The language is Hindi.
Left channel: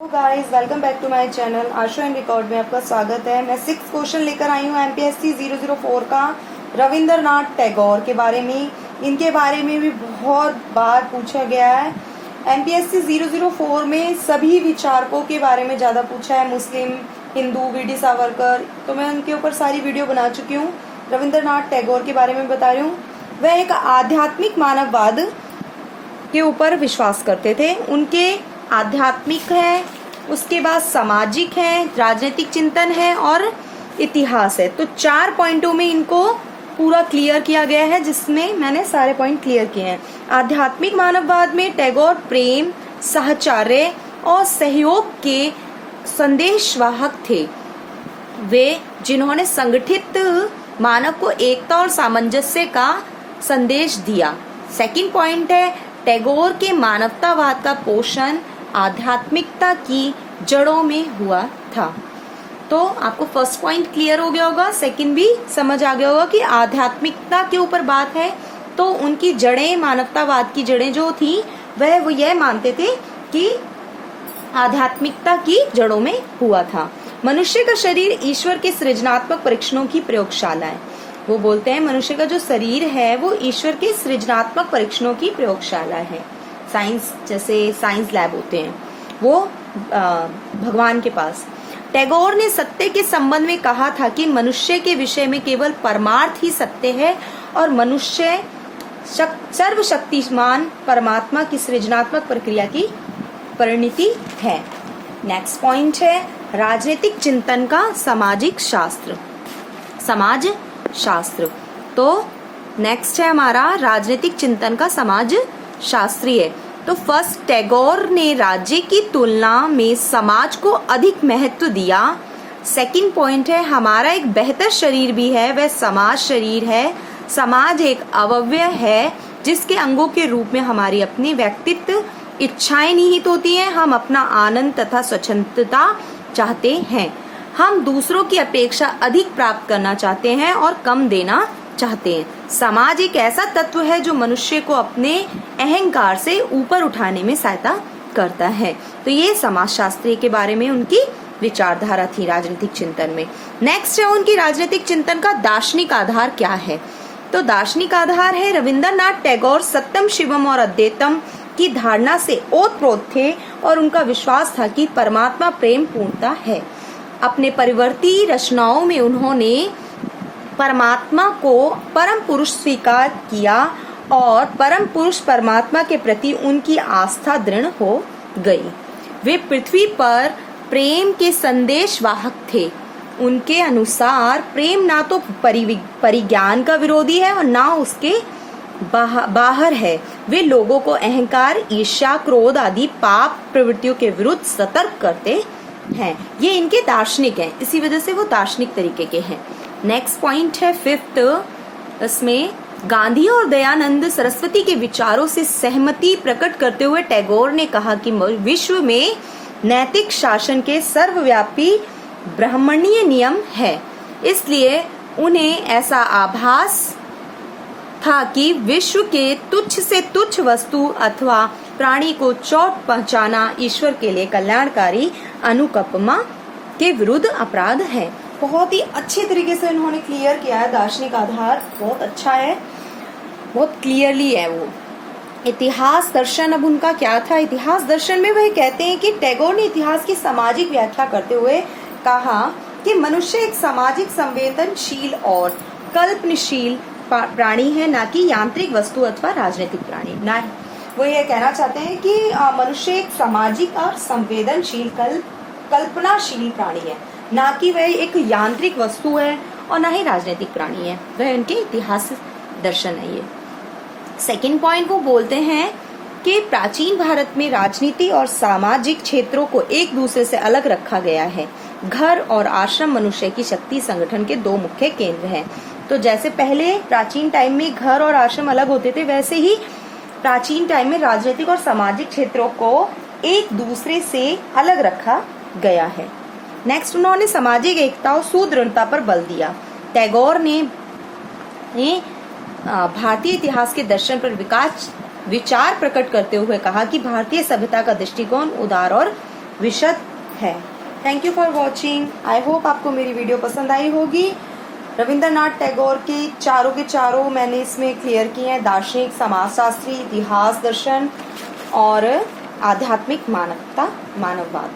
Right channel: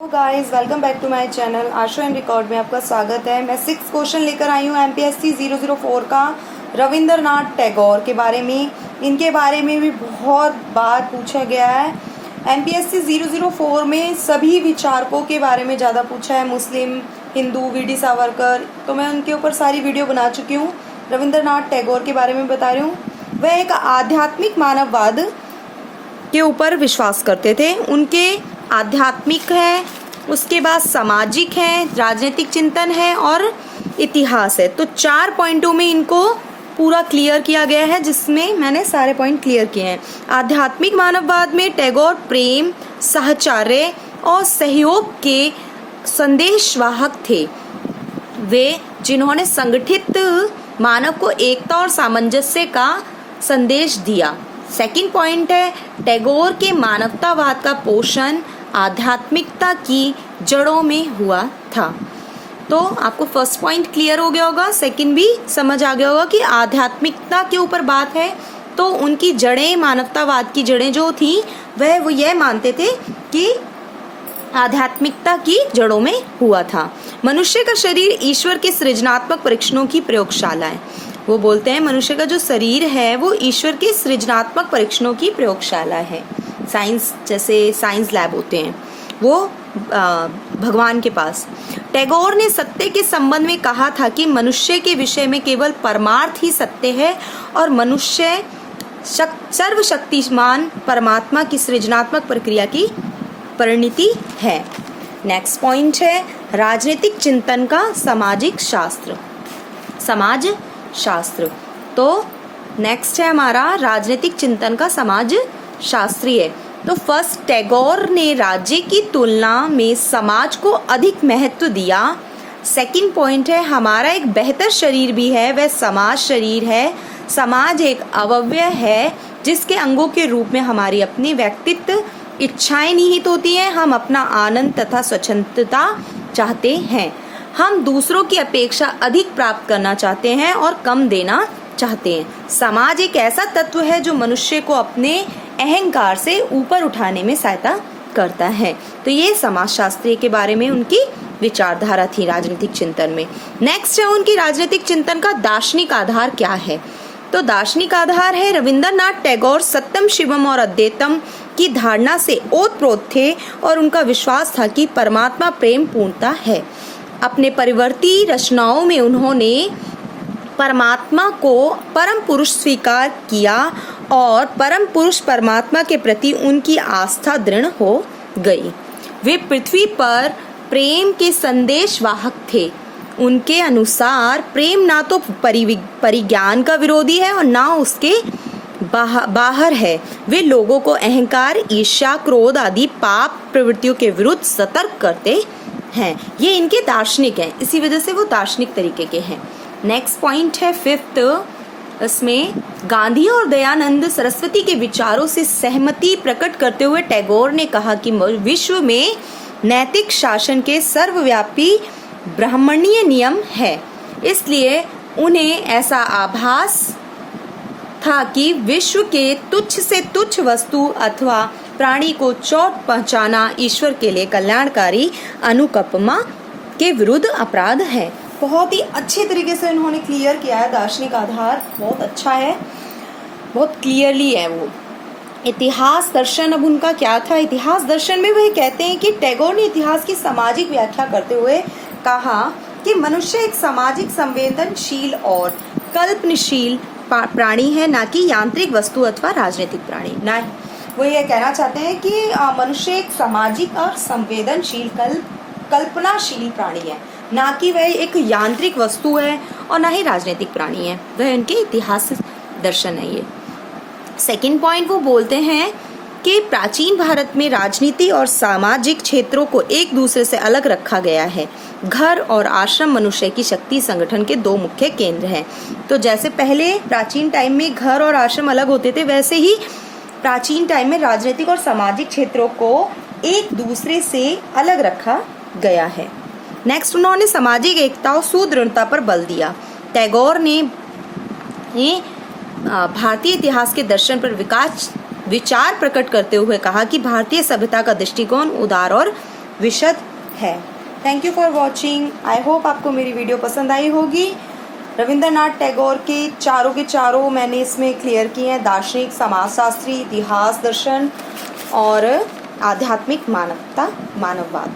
Guys welcome back to my channel आशो एंड रिकॉर्ड में आपका स्वागत है। मैं 6 क्वेश्चन लेकर आई हूँ एमपीएससी 004 का रविंद्रनाथ टैगोर के बारे में। इनके बारे में भी बहुत बार पूछा गया है। एमपीएससी 004 में सभी विचारकों के बारे में ज़्यादा पूछा है, मुस्लिम, हिंदू, वीडी सावरकर, तो मैं उनके ऊपर सारी वीडियो बना चुकी हूँ। रविंद्रनाथ टैगोर के बारे में बता रही हूँ। वह एक आध्यात्मिक मानववाद के ऊपर विश्वास करते थे। उनके आध्यात्मिक है, उसके बाद सामाजिक है, राजनीतिक चिंतन है और इतिहास है। तो 4 पॉइंटों में इनको पूरा क्लियर किया गया है, जिसमें मैंने सारे पॉइंट क्लियर किए हैं। आध्यात्मिक मानववाद में टैगोर प्रेम, साहचर्य और सहयोग के संदेशवाहक थे। वे जिन्होंने संगठित मानव को एकता और सामंजस्य का संदेश दिया। सेकंड पॉइंट है, टैगोर के मानवतावाद का पोषण आध्यात्मिकता की जड़ों में हुआ था। तो आपको फर्स्ट पॉइंट क्लियर हो गया होगा, सेकंड भी समझ आ गया होगा कि आध्यात्मिकता के ऊपर बात है। तो उनकी जड़ें, मानवतावाद की जड़ें जो थी, वह वो यह मानते थे कि आध्यात्मिकता की जड़ों में हुआ था। मनुष्य का शरीर ईश्वर के सृजनात्मक परीक्षणों की प्रयोगशाला है। वो बोलते हैं मनुष्य का जो शरीर है वो ईश्वर के सृजनात्मक परीक्षणों की प्रयोगशाला है। साइंस, जैसे साइंस लैब होते हैं, वो भगवान के पास। टैगोर ने सत्य के संबंध में कहा था कि मनुष्य के विषय में केवल परमार्थ ही सत्य है और मनुष्य सर्वशक्तिमान परमात्मा की सृजनात्मक प्रक्रिया की परिणति है। नेक्स्ट पॉइंट है राजनीतिक चिंतन का सामाजिक शास्त्र, समाज शास्त्र। तो नेक्स्ट है हमारा राजनीतिक चिंतन का समाज शास्त्रीय। तो फर्स्ट, टैगोर ने राज्य की तुलना में समाज को अधिक महत्व दिया। सेकंड पॉइंट है हमारा एक बेहतर शरीर भी है, वह समाज शरीर है। समाज एक अवयव है जिसके अंगों के रूप में हमारी अपनी व्यक्तित्व इच्छाएं निहित होती हैं। हम अपना आनंद तथा स्वच्छंदता चाहते हैं। हम दूसरों की अपेक्षा अधिक प्राप्त करना चाहते हैं और कम देना चाहते हैं। समाज एक ऐसा तत्व है जो मनुष्य को अपने अहंकार से ऊपर उठाने में सहायता करता है। तो ये समाजशास्त्री के बारे में उनकी विचारधारा थी राजनीतिक चिंतन में। नेक्स्ट है उनकी राजनीतिक चिंतन का दार्शनिक आधार क्या है। तो दार्शनिक आधार है रविंद्रनाथ टैगोर सत्यम, शिवम और अद्वैतम की धारणा से ओतप्रोत थे और उनका विश्वास था कि परमात्मा प्रेम पूर्णता है। अपने परिवर्ती रचनाओं में उन्होंने परमात्मा को परम पुरुष स्वीकार किया और परम पुरुष परमात्मा के प्रति उनकी आस्था दृढ़ हो गई। वे पृथ्वी पर प्रेम के संदेश वाहक थे। उनके अनुसार प्रेम ना तो परिज्ञान का विरोधी है और ना उसके बाहर है। वे लोगों को अहंकार, ईर्ष्या, क्रोध आदि पाप प्रवृत्तियों के विरुद्ध सतर्क करते हैं। ये इनके दार्शनिक हैं, इसी वजह से वो दार्शनिक तरीके के हैं। नेक्स्ट पॉइंट है फिफ्थ, इसमें गांधी और दयानंद सरस्वती के विचारों से सहमति प्रकट करते हुए टैगोर ने कहा कि विश्व में नैतिक शासन के सर्वव्यापी ब्राह्मणीय नियम है। इसलिए उन्हें ऐसा आभास था कि विश्व के तुच्छ से तुच्छ वस्तु अथवा प्राणी को चोट पहुंचाना ईश्वर के लिए कल्याणकारी अनुकंपा के विरुद्ध अपराध है। बहुत ही अच्छे तरीके से उन्होंने क्लियर किया है। दार्शनिक आधार बहुत अच्छा है, बहुत क्लियरली है वो। इतिहास दर्शन अब उनका क्या था। इतिहास दर्शन में वह कहते हैं कि टैगोर ने इतिहास की सामाजिक व्याख्या करते हुए कहा कि मनुष्य एक सामाजिक, संवेदनशील और कल्पनशील प्राणी है, ना कि यांत्रिक वस्तु अथवा राजनीतिक प्राणी। ना वो ये कहना चाहते हैं कि मनुष्य एक सामाजिक और संवेदनशील कल्पनाशील प्राणी है, ना कि वह एक यांत्रिक वस्तु है और ना ही राजनीतिक प्राणी है। वह उनके इतिहास दर्शन है। ये सेकंड पॉइंट वो बोलते हैं कि प्राचीन भारत में राजनीति और सामाजिक क्षेत्रों को एक दूसरे से अलग रखा गया है। घर और आश्रम मनुष्य की शक्ति संगठन के 2 मुख्य केंद्र हैं। तो जैसे पहले प्राचीन टाइम में घर और आश्रम अलग होते थे, वैसे ही प्राचीन टाइम में राजनीतिक और सामाजिक क्षेत्रों को एक दूसरे से अलग रखा गया है। नेक्स्ट, उन्होंने सामाजिक एकता और सुदृढ़ता पर बल दिया। टैगोर ने भारतीय इतिहास के दर्शन पर विचार प्रकट करते हुए कहा कि भारतीय सभ्यता का दृष्टिकोण उदार और विशद है। Thank you for watching. I hope आपको मेरी वीडियो पसंद आई होगी। रविंद्रनाथ टैगोर के चारों मैंने इसमें क्लियर किए हैं, दार्शनिक, समाजशास्त्री, इतिहास, दर्शन और आध्यात्मिक मानववाद।